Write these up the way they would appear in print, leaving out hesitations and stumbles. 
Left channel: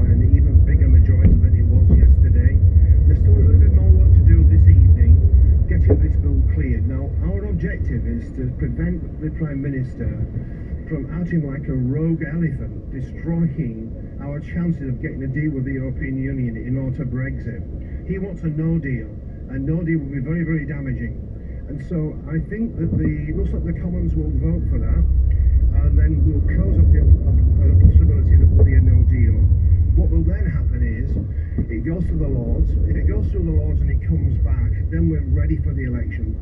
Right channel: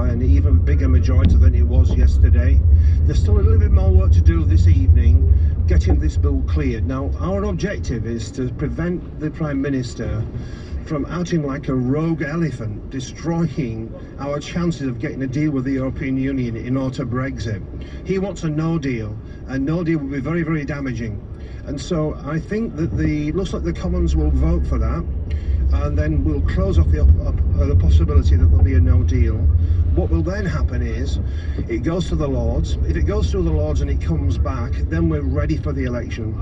by an even bigger majority than it was yesterday. There's still a little bit more work to do this evening, getting this bill cleared. Now, our objective is to prevent the Prime Minister from acting like a rogue elephant, destroying our chances of getting a deal with the European Union in order to Brexit. He wants a no deal, and no deal will be very, very damaging. And so I think that looks like the Commons will vote for that, and then we'll close off the possibility that there'll be a no deal. What will then happen is it goes to the Lords. If it goes through the Lords and it comes back, then we're ready for the election.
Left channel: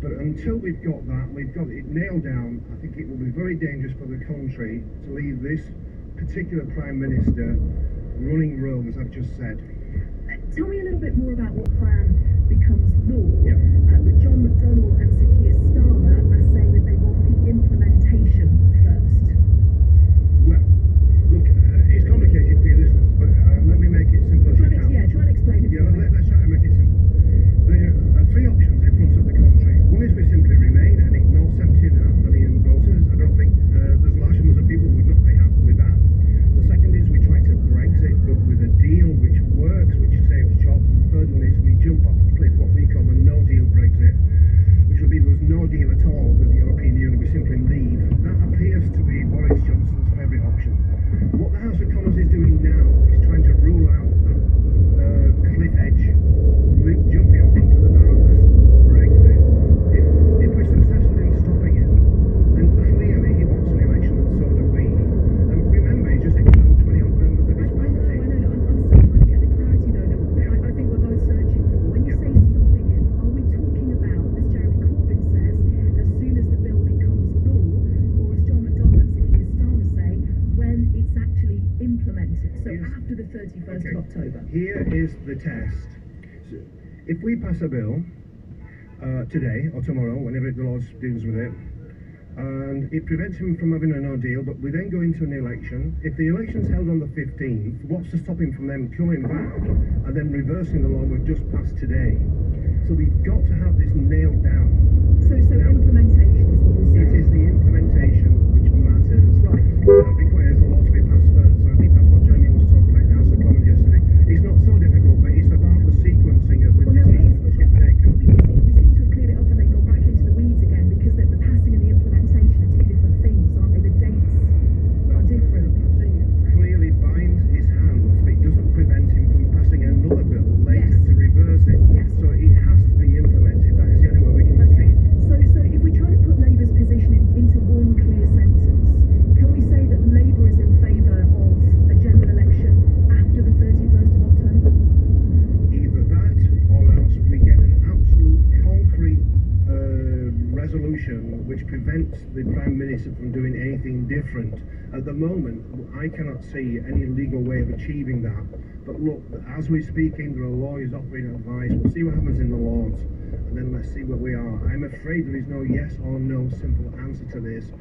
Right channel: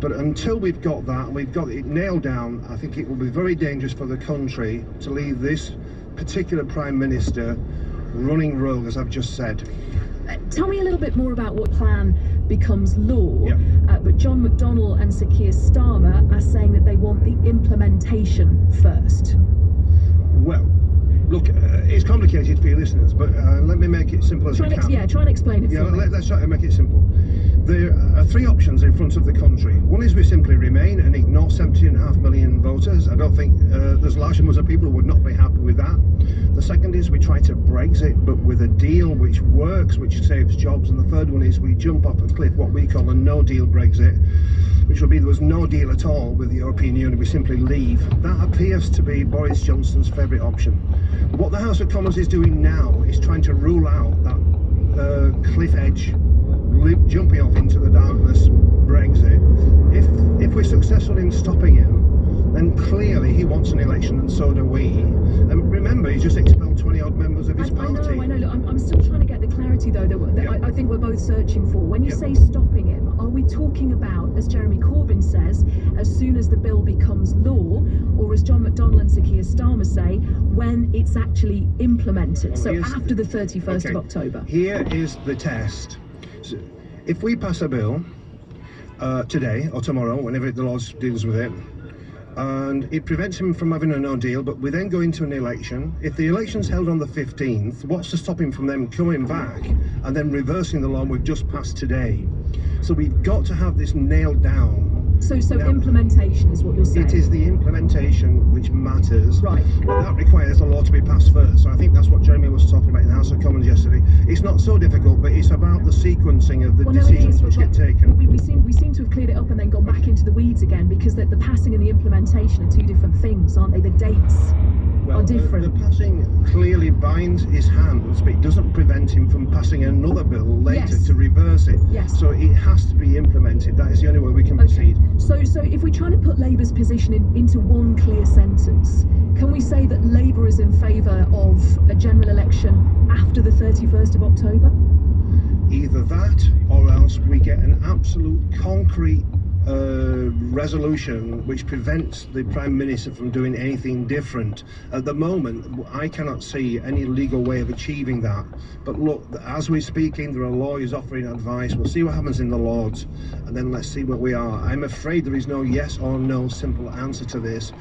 But until we've got that, we've got it nailed down, I think it will be very dangerous for the country to leave this particular Prime Minister running rogue, as I've just said. Tell me a little bit more about what plan becomes law. Yeah. But John McDonnell and Sir Keir Starmer are saying that they want the implementation first. Well, look, it's complicated for your listeners, but let me make it simple as I can. Yeah, try and explain it. Let's try to make it simple. There are three options in front of the country. One is we simply remain and ignore 17.5 million voters. I don't think there's large numbers of people who would not be happy with that. The second is we try to Brexit, but with a deal which works, which saves jobs. And the third one is we jump off a cliff, what we call a no-deal Brexit, which would be there was no deal at all with the European Union, we simply leave. That appears to be Boris Johnson's favourite option. What the House of Commons is doing now is trying to rule out that cliff edge, jumping off into the darkness Brexit. If we're successful in stopping him, then clearly he wants an election, and so do we. And remember, he just expelled 20-odd members of his party. I know. Look, I'm still trying to get the clarity, though, that I think we're both searching for. When you say stopping him, are we talking about, as Jeremy Corbyn says, as soon as the bill becomes law, or as John McDonnell and Sir Keir Starmer say, when it's actually implemented, so after the 31st of October? Here is the test. So if we pass a bill today or tomorrow, whenever the Lords deals with it, and it prevents him from having a no deal, but we then go into an election. If the election's held on the 15th, what's to stop him from them coming back and then reversing the law we've just passed today? So we've got to have this nailed down. So now, implementation is what you're saying? It is the implementation which matters. Right. That requires the law to be passed first. So I think that's what Jeremy was talking about in the House of Commons yesterday. It's not so difficult, but it's about the sequencing of the decisions which get taken. We seem to have cleared it up and then gone back into the weeds again, because the passing and the implementation are two different things, aren't they? The dates are different. The passing clearly binds his hands, but it doesn't prevent him from passing another bill later to reverse it. Yes. So it has to be implemented. That is the only way we can proceed. So if we're trying to put Labour's position into one clear sentence, can we say that Labour is in favour of a general election after the 31st of October? Either that, or else we get an absolute concrete resolution which prevents the Prime Minister from doing anything different. At the moment, I cannot see any legal way of achieving that. But look, as we're speaking, there are lawyers offering advice. We'll see what happens in the Lords, and then let's see where we are. I'm afraid there is no yes or no simple answer to this.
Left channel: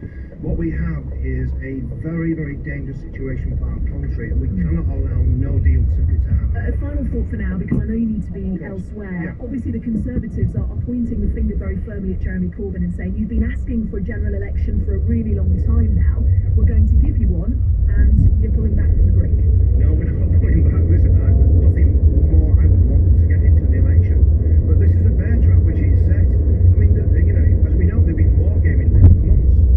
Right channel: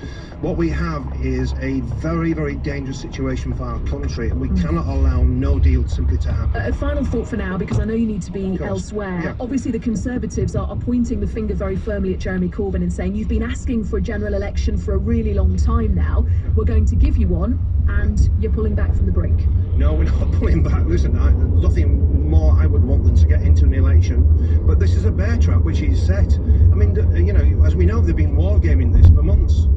What we have is a very, very dangerous situation for our country, and we cannot allow no deal simply to happen. A final thought for now, because I know you need to be elsewhere. Yeah. Obviously, the Conservatives are pointing the finger very firmly at Jeremy Corbyn and saying, you've been asking for a general election for a really long time now. We're going to give you one, and you're pulling back from the brink. No, we're not pulling back. Listen, there's nothing more I would want than to get into an election. But this is a bear trap which he's set. I mean, you know, as we know, they've been wargaming this for months.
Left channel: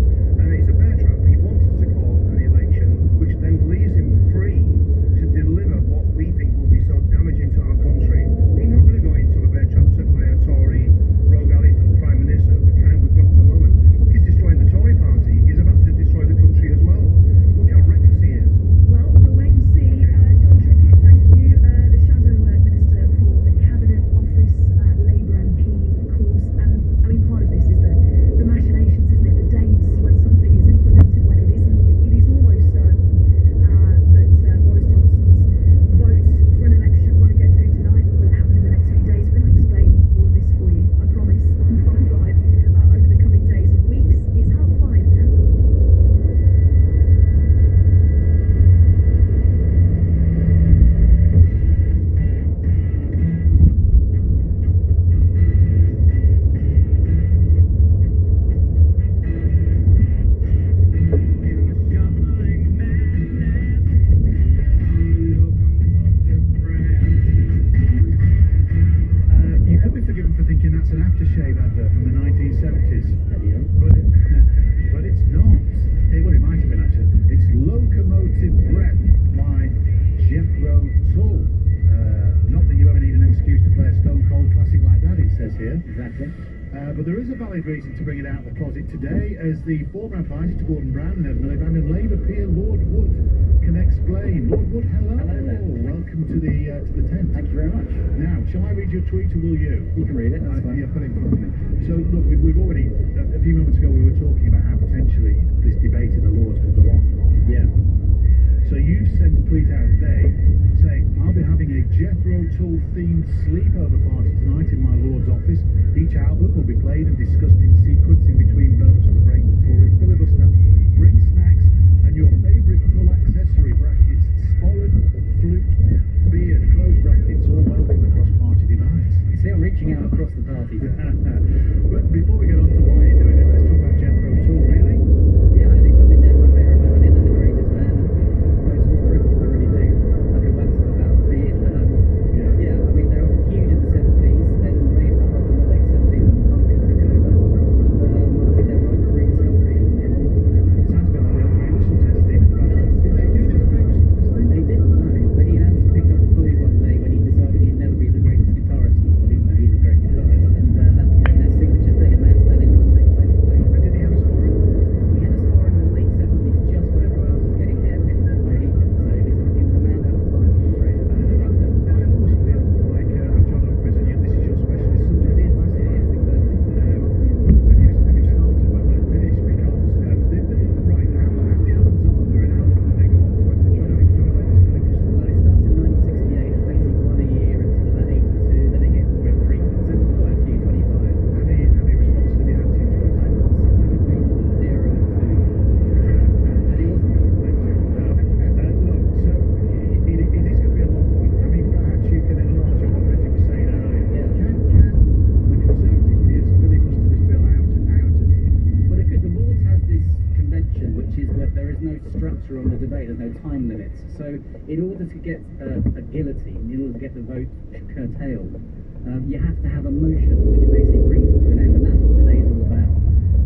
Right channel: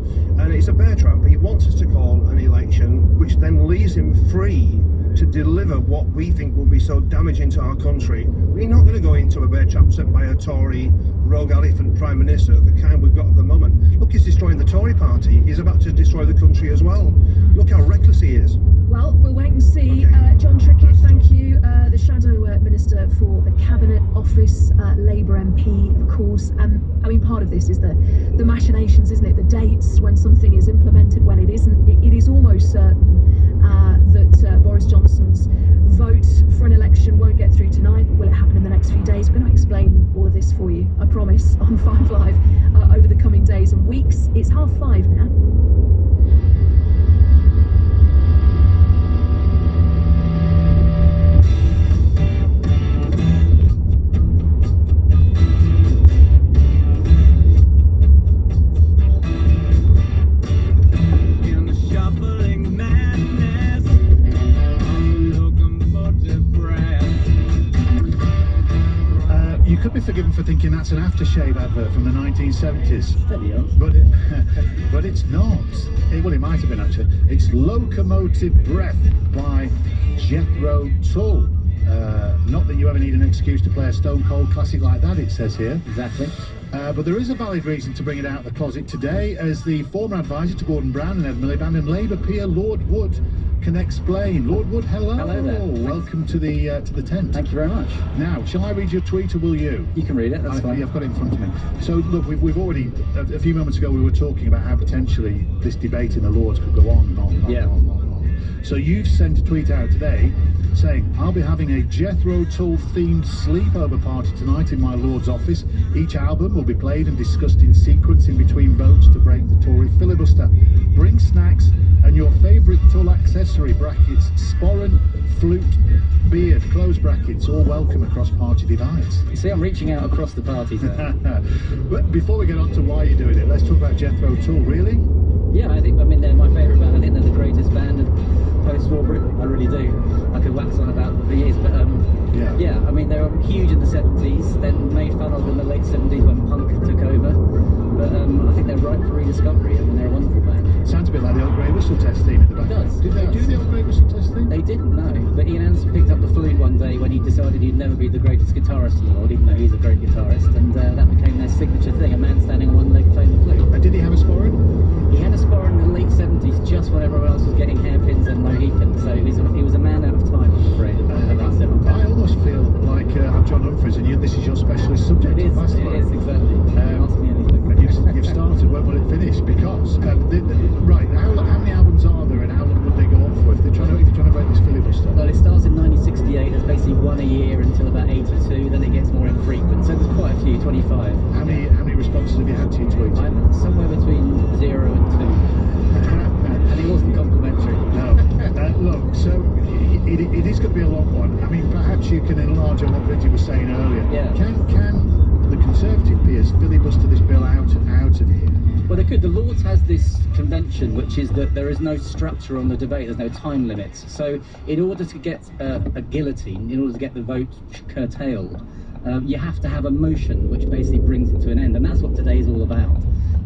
And it's a bear trap. He wants us to call an election, which then leaves him free to deliver what we think will be so damaging to our country. We're not going to go into a bear trap set by a Tory rogue elephant Prime Minister, the kind we've got at the moment. Look, he's destroying the Tory party. He's about to destroy the country as well. Look how reckless he is. Well, we'll wait and see. John Trickett, thank you. The Shadow Minister for the Cabinet Office, Labour MP, of course. I mean, part of this is the machinations, isn't it? The dates, when something is implemented, when it isn't. It is almost certain that Boris Johnson's vote for an election won't get through tonight. Will it happen in the next few days? We're going to explain all of this for you, I promise, on 5 Live over the coming days and weeks. It's 5:30 now. In the shuffling madness, could be forgiven for thinking that's an aftershave advert from the 1970s. Steady on. But it's not. Well, it might have been actually. It's Locomotive Breath by Jethro Tull. Not that you ever need an excuse to play a stone cold classic like that, it says here. Exactly. But there is a valid reason to bring it out of the closet today, as the former advisor to Gordon Brown and Ed Miliband and Labour peer Lord Wood can explain. Lord Wood, hello. Hello there. Welcome to the tent. Thank you very much. Now, shall I read your tweet or will you? You can read it, that's fine. I've got it in front of me. So, look, we've already, a few moments ago, we were talking about how potentially this debate in the Lords could go on and on and on, Yeah. and on and on. So you've sent a tweet out today saying, I'll be having a Jethro Tull themed sleepover party tonight in my Lord's office. Each album will be played and discussed in sequence in between votes to break the Tory filibuster. Bring snacks and your favourite Tull accessory, brackets, sporran, flute, beard, close brackets, all welcome across party divides. You see, I'm reaching out across the parties there. But before we get on to why you're doing it, let's talk about Jethro Tull, really? Yeah, I mean, they're my favourite band. I think they're the greatest band post-war. I really do. I could wax on about them for years, but yeah, I mean, they were huge in the 70s, then made fun of in the late 70s when punk took over. But I think they're ripe for rediscovery. I mean, they're a wonderful band. Sounds a bit like the old Grey Whistle Test theme in the back. It does. Did they do the old Grey Whistle Test theme? They didn't know, but Ian Anderson picked up the flute one day when he decided he'd never be the greatest guitarist in the world, even though he's a great guitarist, and that became their signature thing, a man standing on one leg playing the flute. And did he have a sporran? He had a spar in the late 70s, just when everyone else was getting hairpins and no heathpins, so he was a man out of time, I'm afraid, in the late 70s. I almost feel like I'm John Humphries and this is your specialist subject. It is exactly. Ask me anything. And you've started, when will it finish? Because, right, how many albums are there and how long would they go on for if you're trying to break this filibuster? Well, it starts in 1968, there's basically one a year until about 82, then it gets more infrequent, so there's quite a few, 25. How many responses have you had to your tweet? I'm somewhere between 0 and 2. And he wasn't complimentary. No. Look, so it is going to be a long one. I mean, perhaps you can enlarge on what Bridget was saying earlier. Yeah. Can the Conservative peers filibuster this bill out of here? Well, they could. The Lords has this convention, which is that there is no structure on the debate, there's no time limits. So in order to get a guillotine, in order to get the vote curtailed, you have to have a motion which basically brings it to an end, and that's what today is all about.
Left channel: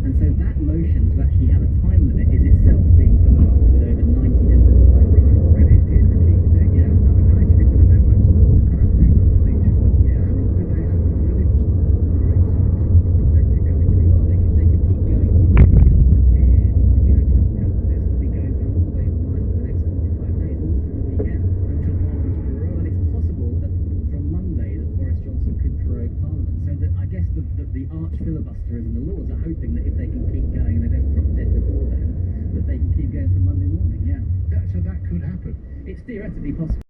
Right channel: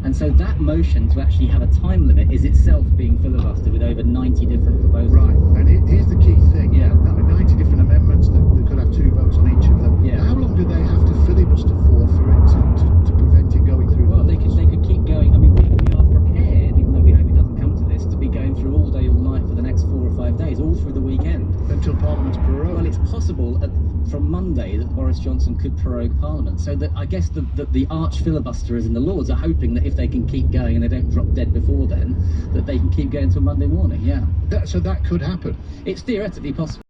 And so that motion to actually have a time limit is itself being filibustered with over 90 different proposals. Right, and here's the key thing. Yeah. 90 different amendments that could have 2 votes on each of them. Yeah. How long do they have to filibuster for it to prevent it going through? Well, they could keep going. I mean, we are prepared, even though we hope it doesn't come to this, to be going through all day, all night for the next 4 or 5 days, all through the weekend. Until Parliament's prorogued. Well, it's possible from Monday that Boris Johnson could prorogue Parliament. So that I guess the arch filibusterers in the Lords are hoping that if they can keep going and they don't drop dead before then, that they can keep going till Monday morning. Yeah. So that could happen. It's theoretically possible.